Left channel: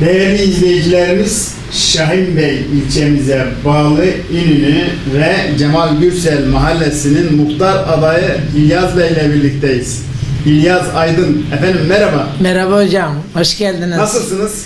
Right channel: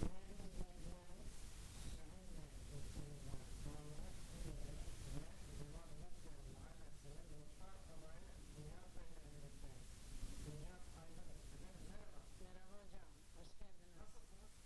Değerli izleyicilerimiz, Şahin Bey ilçemize bağlı İnönü ve Cemal Gürsel mahallesinin muhtar adayı İlyas Bey ile birlikteyiz. İlyas Aydın, efendim merhaba. Merhaba hocam, hoş geldiniz. Nasılsınız?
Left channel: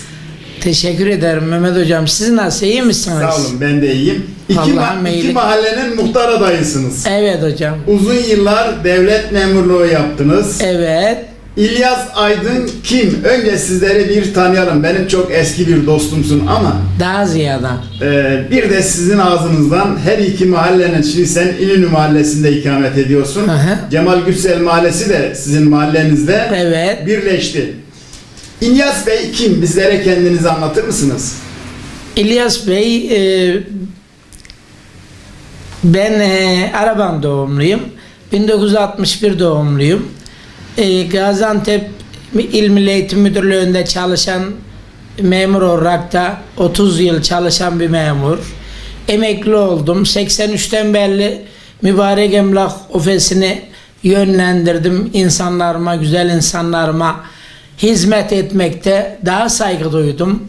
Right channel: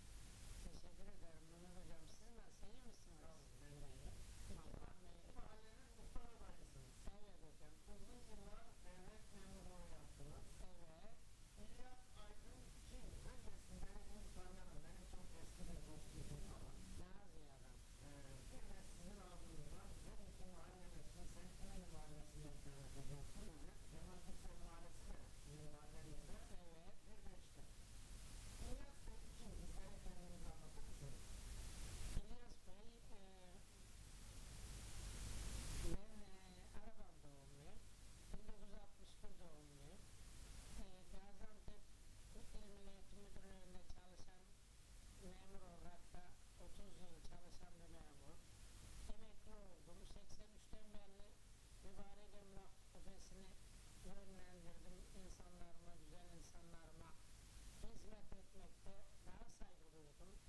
Teşekkür ederim Mehmet hocam. Siz nasıl, iyi misiniz? Sağ olun, ben de iyiyim. İki, ma- iki iyilik- mahallenin muhtar adayısınız. Evet hocam. Uzun yıllar devlet memurluğu yaptınız. Evet. İlyas Aydın kim? Önce sizleri bir tanıyalım. Benim çok eski bir dostumsun ama Daha ziyade. Ee, bir de sizin ağzınızdan her iki mahallenin, şimdi sen İnönü mahallesinde ikamet ediyorsun. Hı hı. Cemal Gürsel mahallesi de sizin mahallenizde Evet. birleşti. İlyas Bey kim? Bizlere kendinizi anlatır mısınız? İlyas Bey, e, ben e, Araban doğumluyum. 1961 doğumluyum. E, Gaziantep İl Milli Eğitim Müdürlüğü'nde çalışan memur olarak da 30 yıl çalışan bir memur. Emekli oldum. 83'ten beri mübarek emlak ofisini yönlendirdim. insanlarıma, güzel insanlarıma hizmet etmekte daha saygı duydum.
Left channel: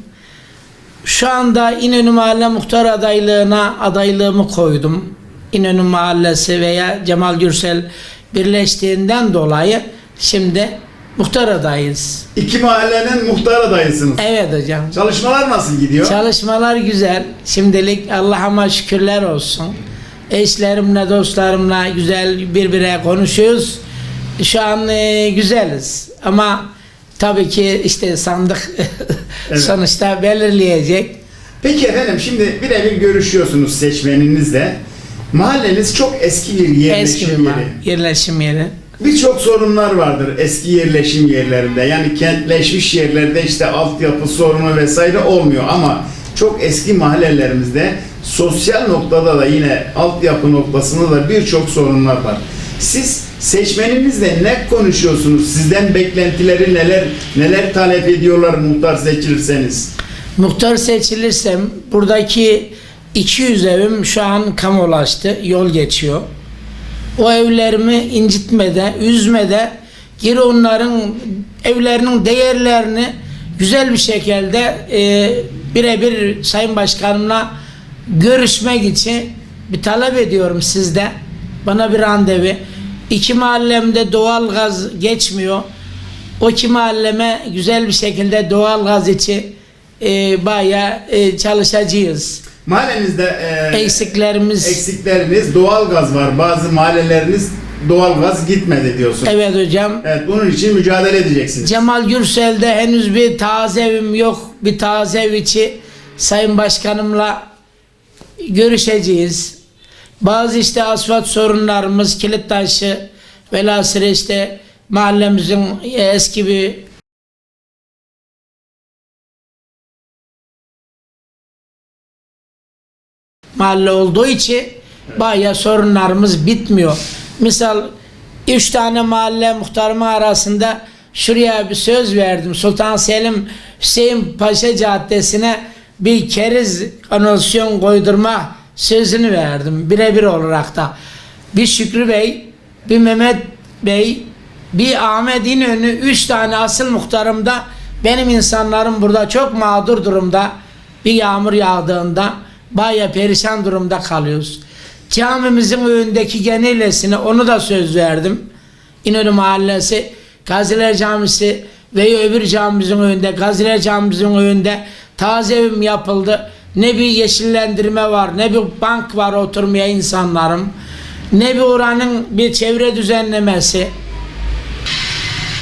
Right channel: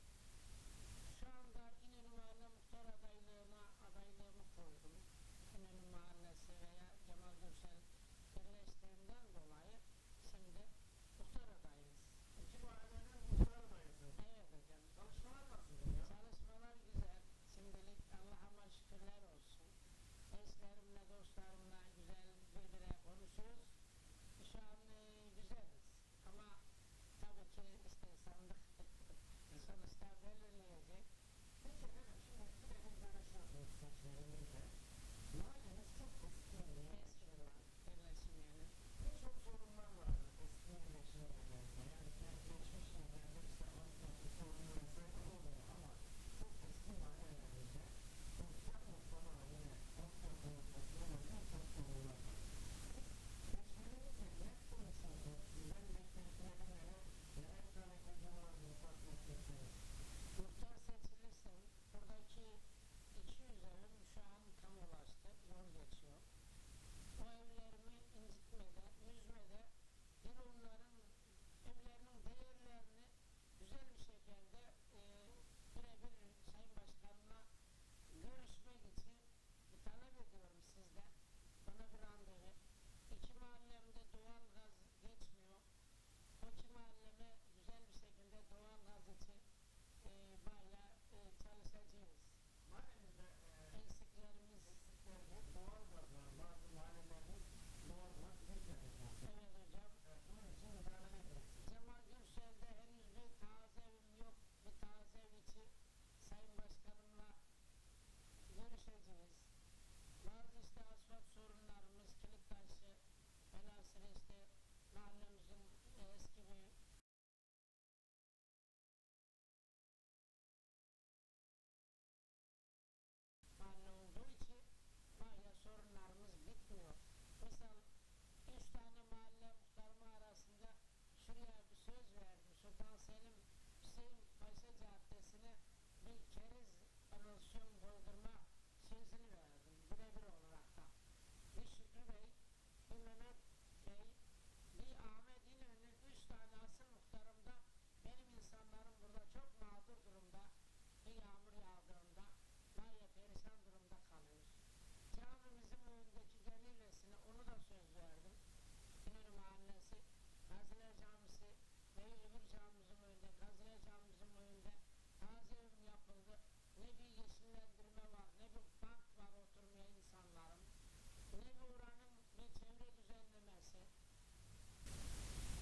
Şu anda İnönü Mahalle Muhtar adaylığına adaylığımı koydum. İnönü Mahallesi veya Cemal Gürsel birleştiğinden dolayı şimdi muhtar adayız. İki mahallenin muhtar adayısınız. Evet hocam. Çalışmalar nasıl gidiyor? Çalışmalar güzel. Şimdilik Allah'ıma şükürler olsun. Eşlerimle, dostlarımla güzel birbirine konuşuyoruz. Şu an e, güzeliz. Ama tabii ki işte sandık Evet. sonuçta belirleyecek. Peki efendim şimdi birebir görüşüyorsunuz seçmeninizle. Mahalleniz çok eski bir yerleşim Eski bir yeri. ma- yerleşim yeri. Birçok sorunlar vardır eski yerleşim yerlerinde. Yani kentleşmiş yerlerde işte altyapı sorunu vesaire olmuyor ama çok eski mahallelerimizde sosyal noktada da yine altyapı noktasında da birçok sorunlar var. Siz seçmeninizle ne konuşuyorsunuz? Sizden beklentileri neler neler talep ediyorlar muhtar seçilirseniz? Muhtar seçilirsem buradaki 200 evim şu an kamulaştı. Yol geçiyor. O evlerimi incitmede, üzmede geri onların evlerinin değerlerini güzel bir şekilde e, birebir Sayın Başkanımla görüşmek için bir talep ediyorum sizde. Bana bir randevu. İki mahallemde doğal gaz geçmiyor. O iki mahalleme güzel bir şekilde doğal gaz için e, bayağı e, çalışacağız. Mahallenizde e, Eksiklerimiz eksikleriniz doğalgaz var. Bazı mahalleleriniz doğalgaz gitmedi diyorsun. evet hocam. Evet bunun için mücadele edeceksiniz. Cemal Gürsel'de henüz bir taze evim yok. Bir taze ev içi Sayın Başkanımla görüşeceğiz. Bazı işte asfalt sorunlarımız, kilit taşı, velhasıl işte mahallemizin eski bir mahalle olduğu için bayağı sorunlarımız bitmiyor. Misal üç tane mahalle muhtarımı arasında şuraya bir söz verdim. Sultan Selim Hüseyin Paşa Caddesi'ne bir keriz kanalizasyon koydurma sözünü verdim. Birebir olarak da. Bir Şükrü Bey, bir Mehmet Bey, bir Ahmet İnönü, üç tane asıl muhtarımda benim insanlarım burada çok mağdur durumda. Bir yağmur yağdığında baya perişan durumda kalıyoruz. Camimizin önündeki genelesine onu da söz verdim. İnönü Mahallesi, Gaziler Camisi ve öbür camimizin önünde, Gaziler Camimizin önünde taze evim yapıldı. Ne bir yeşillendirme var, ne bir bank var oturmaya insanlarım. Ne bir oranın bir çevre düzenlemesi.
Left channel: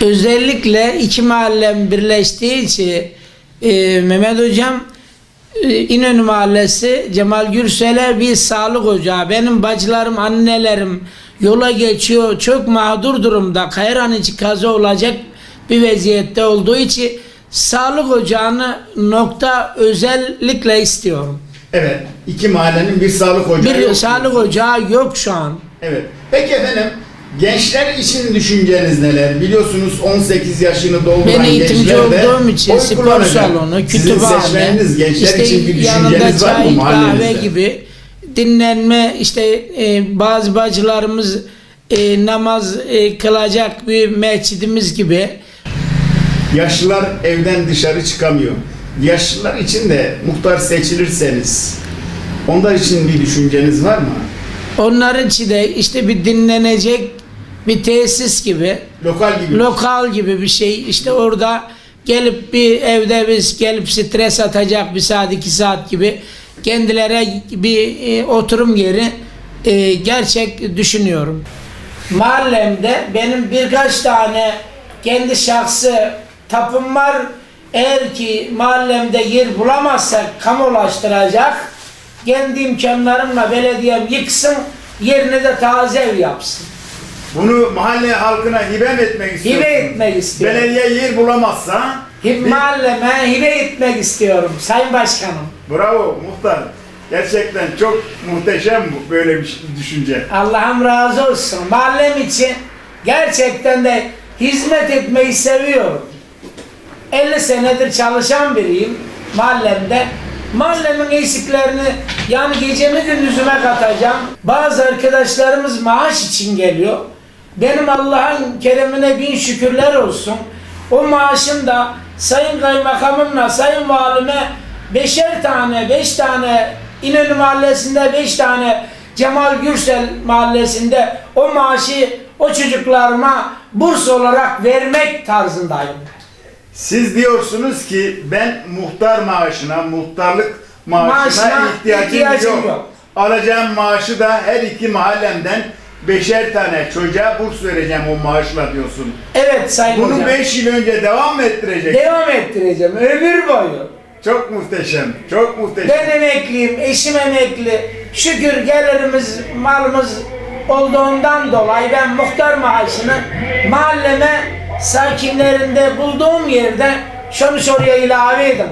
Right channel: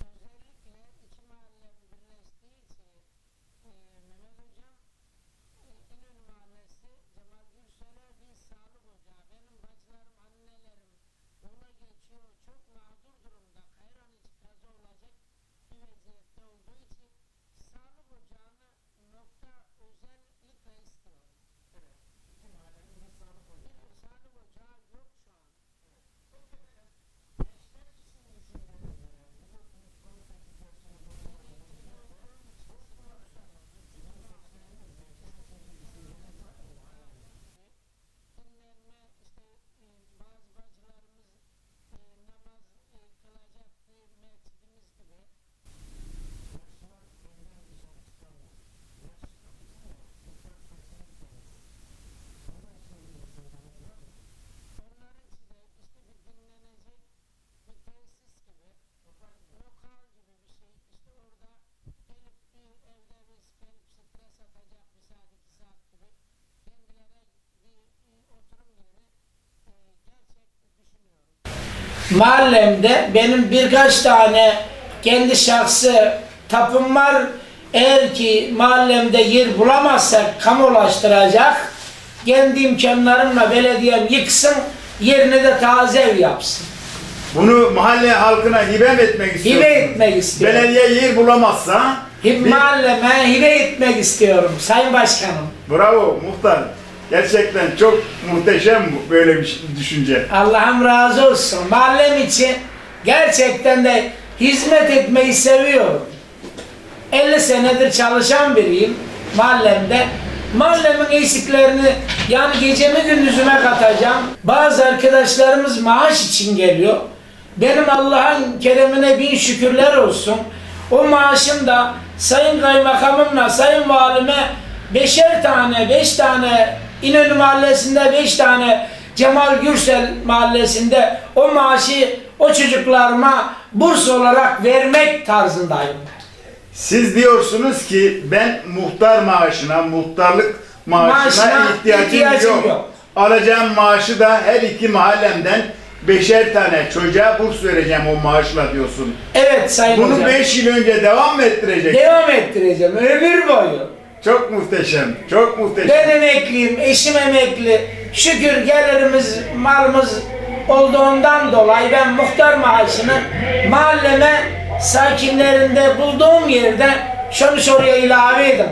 Özellikle iki mahallem birleştiği için e, Mehmet Hocam İnönü Mahallesi Cemal Gürsel'e bir sağlık ocağı. Benim bacılarım, annelerim yola geçiyor. Çok mağdur durumda. Kayran içi kaza olacak bir vaziyette olduğu için sağlık ocağını nokta özellikle istiyorum. Evet. iki mahallenin bir sağlık ocağı Bir yok. sağlık ocağı yok şu an. Evet. Peki efendim gençler için düşünceniz neler? Biliyorsunuz 18 yaşını dolduran Ben eğitimci gençler de olduğum için spor salonu, Sizin kütüphane, seçmeniniz gençler işte için bir yanında düşünceniz var mı çay, kahve mahallenizde? gibi dinlenme işte e, bazı bacılarımız e, namaz e, kılacak bir mescidimiz gibi Yaşlılar evden dışarı çıkamıyor. yaşlılar için de muhtar seçilirseniz onlar için bir düşünceniz var mı? Onların için de işte bir dinlenecek bir tesis gibi, Lokal gibi. lokal gibi bir şey. İşte orada gelip bir evde biz gelip stres atacak bir saat iki saat gibi kendilere bir e, oturum yeri e, gerçek düşünüyorum. Mahallemde benim birkaç tane kendi şahsı tapım var. Eğer ki mahallemde yer bulamazsak kamulaştıracak kendi imkanlarımla belediyem yıksın yerine de taze ev yapsın. Bunu mahalle halkına hibe mi etmek istiyorsunuz? Hibe etmek istiyorum. Belediye yer bulamazsa Hib bir- mahalleme hibe etmek istiyorum Sayın Başkanım. Bravo muhtar. Gerçekten çok muhteşem bu böyle bir düşünce. Allah'ım razı olsun. Mahallem için gerçekten de hizmet etmeyi seviyorum. 50 senedir çalışan biriyim mahallemde. Mahallemin eksiklerini yani gecemi gündüzüme katacağım. Bazı arkadaşlarımız maaş için geliyor. Benim Allah'ın keremine bin şükürler olsun. O maaşım da Sayın Kaymakamımla Sayın Valime beşer tane, beş tane İnönü Mahallesi'nde beş tane Cemal Gürsel Mahallesi'nde o maaşı o çocuklarıma burs olarak vermek tarzındayım. Siz diyorsunuz ki ben muhtar maaşına, muhtarlık maaşına, Maaşına ihtiyacım, ihtiyacım yok. yok. Alacağım maaşı da her iki mahallemden beşer tane çocuğa burs vereceğim o maaşla diyorsun. Evet Sayın Bunu Hocam. 5 yıl önce devam mı ettirecek? Devam ettireceğim ömür boyu. Çok muhteşem, çok muhteşem. Ben emekliyim, eşim emekli. Şükür gelirimiz, malımız olduğundan dolayı ben muhtar maaşını mahalleme sakinlerinde bulduğum yerde şunu soruya ilave edin.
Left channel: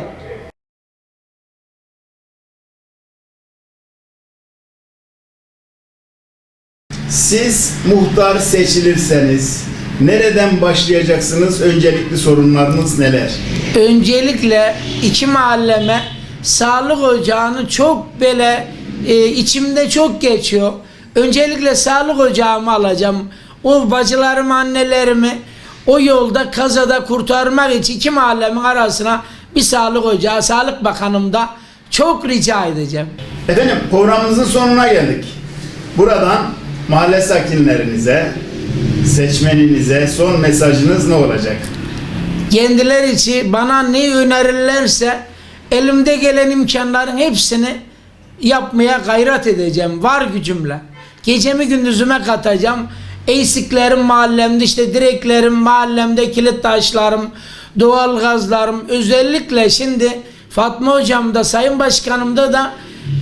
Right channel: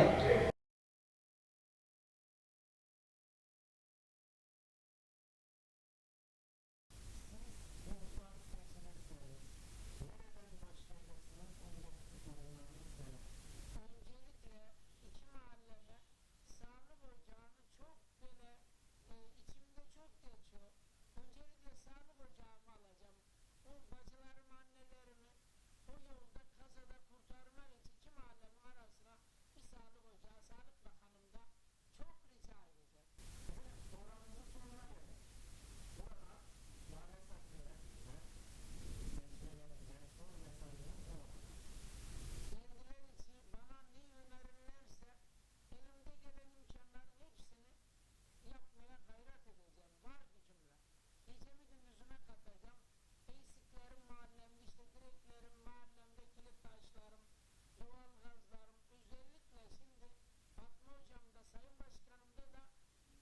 Siz muhtar seçilirseniz nereden başlayacaksınız? Öncelikli sorunlarınız neler? Öncelikle iki mahalleme sağlık ocağını çok böyle e, içimde çok geçiyor. Öncelikle sağlık ocağımı alacağım. O bacılarım, annelerimi o yolda kazada kurtarmak için iki mahallemin arasına bir sağlık ocağı, Sağlık Bakanım da çok rica edeceğim. Efendim programımızın sonuna geldik. Buradan mahalle sakinlerinize, seçmeninize son mesajınız ne olacak? kendileri için bana ne önerirlerse elimde gelen imkanların hepsini yapmaya gayret edeceğim var gücümle. Gecemi gündüzüme katacağım. Eksiklerim mahallemde işte direklerim mahallemde kilit taşlarım, doğal gazlarım özellikle şimdi Fatma hocam da Sayın Başkanımda da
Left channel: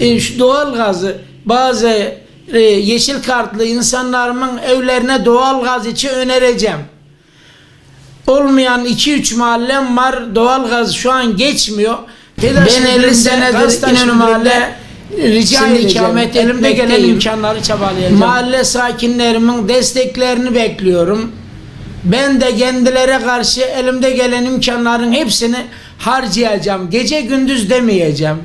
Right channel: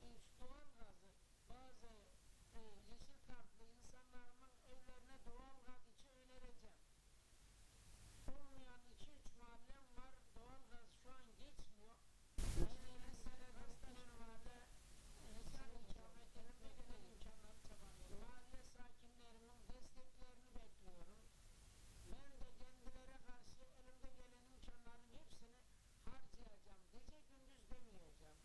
e, şu doğal gazı bazı e, yeşil kartlı insanlarımın evlerine doğal gaz için önereceğim olmayan 2-3 mahallem var. Doğalgaz şu an geçmiyor. Ben 50 senedir İnönü Mahalle rica edeceğim. ikamet Elimde gelen imkanları çabalayacağım. Mahalle sakinlerimin desteklerini bekliyorum. Ben de kendilere karşı elimde gelen imkanların hepsini harcayacağım. Gece gündüz demeyeceğim.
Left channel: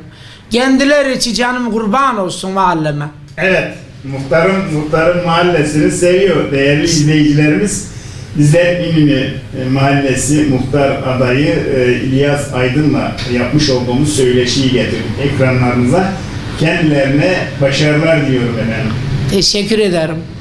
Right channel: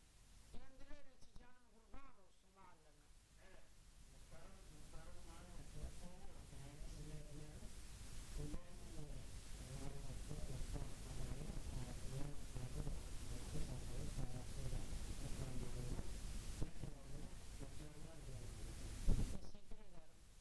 Kendileri için canım kurban olsun mahalleme. Evet, muhtarın muhtarın mahallesini seviyor değerli izleyicilerimiz. Bizler İnönü Mahallesi muhtar adayı e, İlyas Aydın'la yapmış olduğumuz söyleşiyi getirdik ekranlarınıza. Kendilerine başarılar diliyorum efendim. Teşekkür ederim.